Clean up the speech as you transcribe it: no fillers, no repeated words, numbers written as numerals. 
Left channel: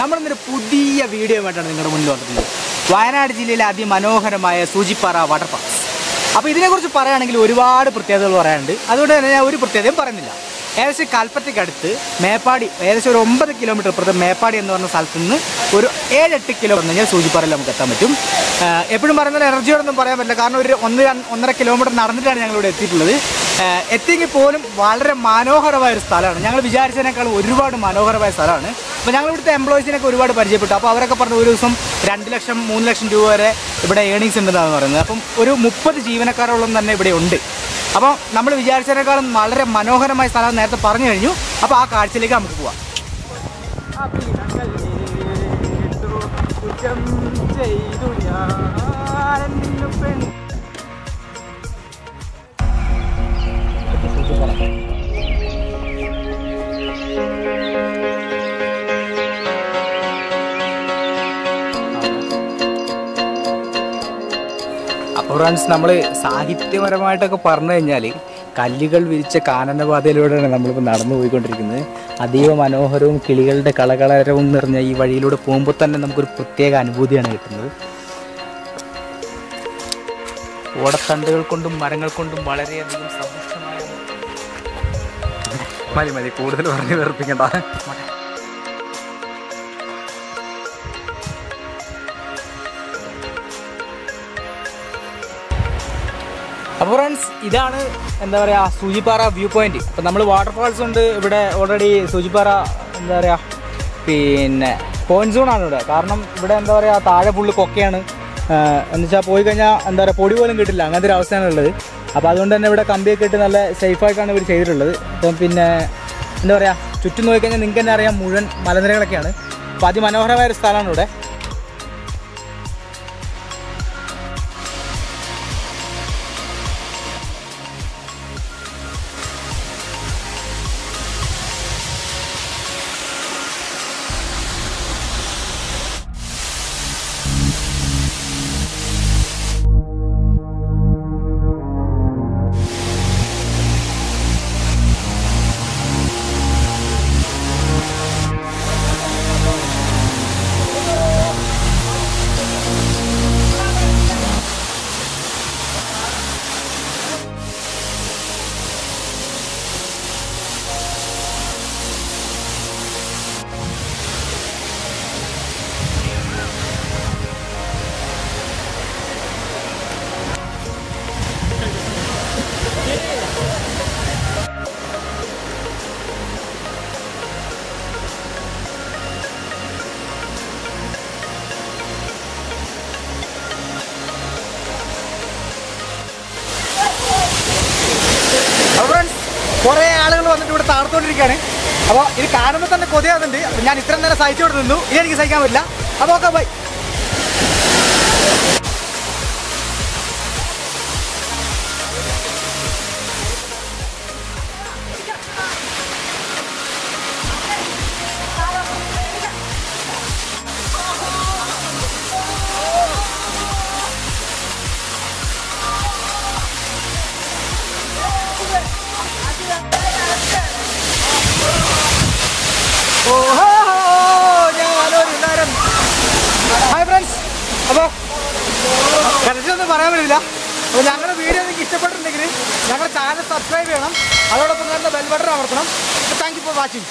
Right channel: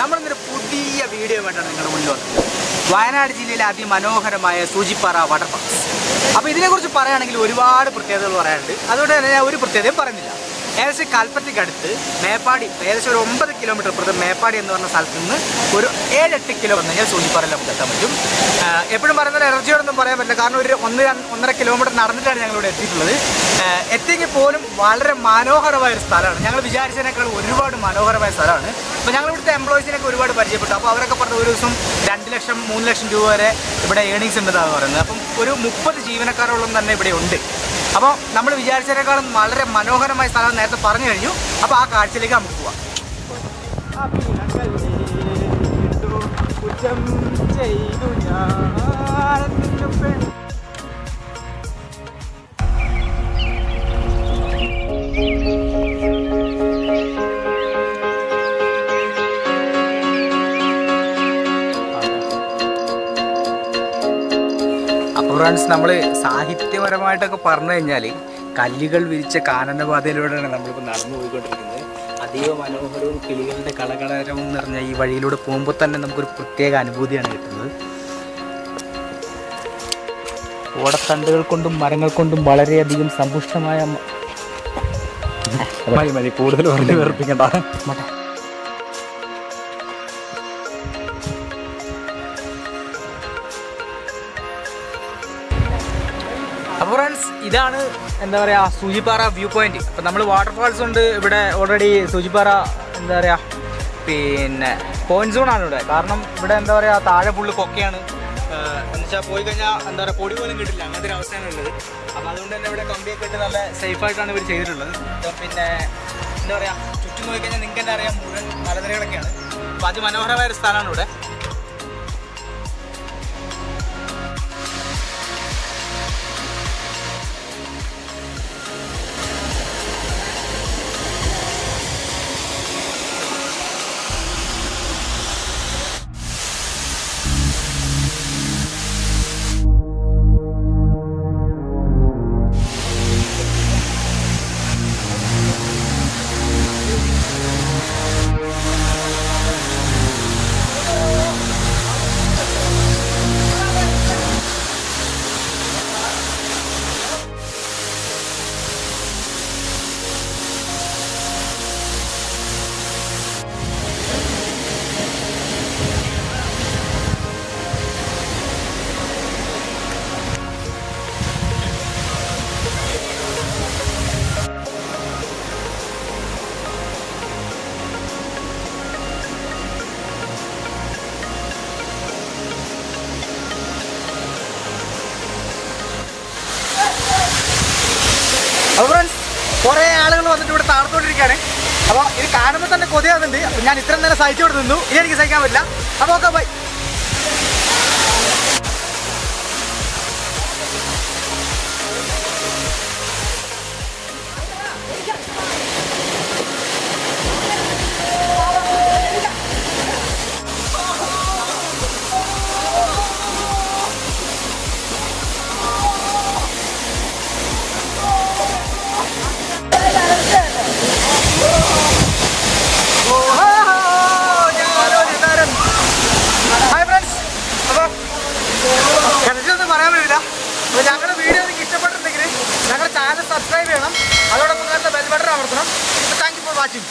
നമ്മളിന്നൊരു പുതിയ വീഡിയോ ആയിട്ടാണ് നിങ്ങളുടെ മുന്നിൽ വന്നിട്ടുള്ളത്. വയനാട് ജില്ലയിലെ അതിമനോഹരമായ സൂചിപ്പാറ വാട്ടർഫാൾസ്. അപ്പോൾ ഇതിനെക്കുറിച്ച് പറയുകയാണെങ്കിൽ ഒരുപാട് പ്രത്യേകതകൾ പറയാനുണ്ട്. അതുകൊണ്ട് തന്നെ ഞാൻ ഒരു പ്രത്യേകതയും പറയുന്നില്ല. ഏകദേശം കൽപ്പറ്റയ്ക്കടുത്ത് മേപ്പാടി, ഏകദേശം ഒരു 9 കിലോമീറ്റർ അപ്പുറത്ത് മേപ്പാടി എന്ന് പറഞ്ഞ സ്ഥലത്ത് നിന്ന് ഒരു 7-8 കിലോ വന്നെങ്കിൽ സൂചിപ്പാറയിൽ നമുക്ക് എത്താൻ പറ്റും. എപ്പോഴും പറയുന്നത് എനർജിയോടൊന്നും പറയാൻ പറ്റില്ല, കാരണം ഒരു 1-1.5 കിലോമീറ്റർ നടന്നിട്ടാണ് ഞങ്ങളിവിടെ എത്തിയിട്ടുള്ളത്. എത്തിയെങ്കിൽ പോലും വളരെ മനോഹരമായ ഒരു സ്ഥലമാണ്. ഞങ്ങൾ വിചാരിച്ചതിനേക്കാൾ ഒരുപാട് മനോഹരമായ സ്ഥലമാണ്. അപ്പോൾ ഞങ്ങൾ ഇവിടുത്തെ എംപ്ലോയീസിനൊക്കെ ഒരുപാട് പരിചയപ്പെട്ടു. അപ്പോൾ അവരൊക്കെ പറഞ്ഞു ഒരു ദിവസം 2 ലക്ഷം 3 ലക്ഷം രൂപ വരെ ഇവിടെ ഏണിങ്സ് ഉണ്ടെന്നാണ് പറയുന്നത്. അപ്പം ഒരു 30 ജീവനക്കാരോളം തന്നെ ഇവിടെ ഉണ്ട്. അപ്പോൾ നമ്മൾ വിചാരിച്ചതിനേക്കാളും വളരെ മനോഹരമായ സ്ഥലം നേരത്തെ പറഞ്ഞു കഴിഞ്ഞു. അപ്പോൾ ആ കാഴ്ചയിലേക്ക് നമുക്ക് പോവാം. കുറ്റം ചെയ്തു ഞാൻ നിന്നു പെൺ. അപ്പോൾ ഫ്രണ്ട്സ്, നമ്മൾ സാഹിത്യപരമായിട്ടൊക്കെ പറഞ്ഞു കഴിഞ്ഞാൽ കല്ലുകൾ വിരിച്ച കാനനപാതയിലൂടെയാണ് നമ്മളിപ്പോൾ നടന്നു പോയിക്കൊണ്ടിരിക്കുന്നത്. അതീവ മനോഹരവും കിളികളുടെ കളകളരവും നിറഞ്ഞ ഈ വഴിയിലൂടെ പോകുമ്പോൾ തന്നെ നമുക്കൊരു പ്രത്യേക അനുഭൂതിയാണ് കിട്ടുന്നത്. ഓടത്തണ്ടുകൾ കൊണ്ടും മരങ്ങൾ കൊണ്ടും വളരെയധികം സമ്പുഷ്ടമായ മതി കൂടുതൽ പറഞ്ഞു വേർപ്പിക്കണ്ട. അപ്പോൾ ഫ്രണ്ട്സ്, ഇതാണ് എന്താ പറയുക സൂചിപ്പാറ വ്യൂ പോയിന്റ്. അപ്പം നമ്മൾ വാട്ടർഫാൾസ് ഉണ്ട് ഇവിടെ ഓൾറെഡി. സൂചിപ്പാറ എന്താ പറയുക പിന്നെ പോയിന്റ് സോണാണ് ഇവിടെ. കാരണം ഇവിടെ എന്താ പറയുക താഴെ ഫുള്ള് കൊക്കയാണ്. എന്ന് വെച്ചാൽ പോയി കഴിഞ്ഞാൽ എന്താ പറയുക പൊടി പോലും കിട്ടില്ല, അങ്ങനത്തെ ഒരു അവസ്ഥയാണ് ഉള്ളത്. അപ്പോൾ അതുകൊണ്ട് തന്നെ ഇവിടെ കമ്പിയൊക്കെ ഇട്ട് നല്ല സേഫായിട്ടാണ് ഇവർ ചെയ്തിട്ടുള്ളത്. പിന്നെ എന്താ പറയുക ചുറ്റും നോക്കിക്കഴിഞ്ഞാൽ നിങ്ങൾക്ക് തന്നെ അറിയാം മുഴുവൻ മലനിരകളൊക്കെയാണ്. അപ്പോൾ അതിമനോഹരമായ ഒരു സ്ഥലമാണ് ഇവിടെ. അപ്പോൾ ഫ്രണ്ട്സ്, കുറേ ആളുകൾ വന്നിട്ട് ഇവിടെ താഴ്ത്തോണ്ടിരിക്കുകയാണ്. അപ്പോൾ ഇത് കാണുമ്പോൾ തന്നെ കൊതിയാകുന്നുണ്ട്. അപ്പോൾ ഞാൻ ഇത്രയും നേരം സഹിച്ചോട് നിന്നു, ഇനി എനിക്ക് സഹിക്കാൻ പറ്റില്ല. അപ്പോൾ ഓക്കെ, ബൈ. ഹായ് ഫ്രണ്ട്സ്, അപ്പോൾ കറക്റ്റൊന്നും പറയാൻ പറ്റില്ല. അപ്പോൾ ഞങ്ങളുടെ വീഡിയോ നിങ്ങൾക്ക് ഇഷ്ടപ്പെട്ടിട്ടുണ്ടെങ്കിൽ ഞങ്ങളുടെ ചാനൽ സബ്സ്ക്രൈബ് ചെയ്യണം. അതോടൊപ്പം തന്നെ ബെൽ ബട്ടൺ അമർത്തണം. Thank you for watching.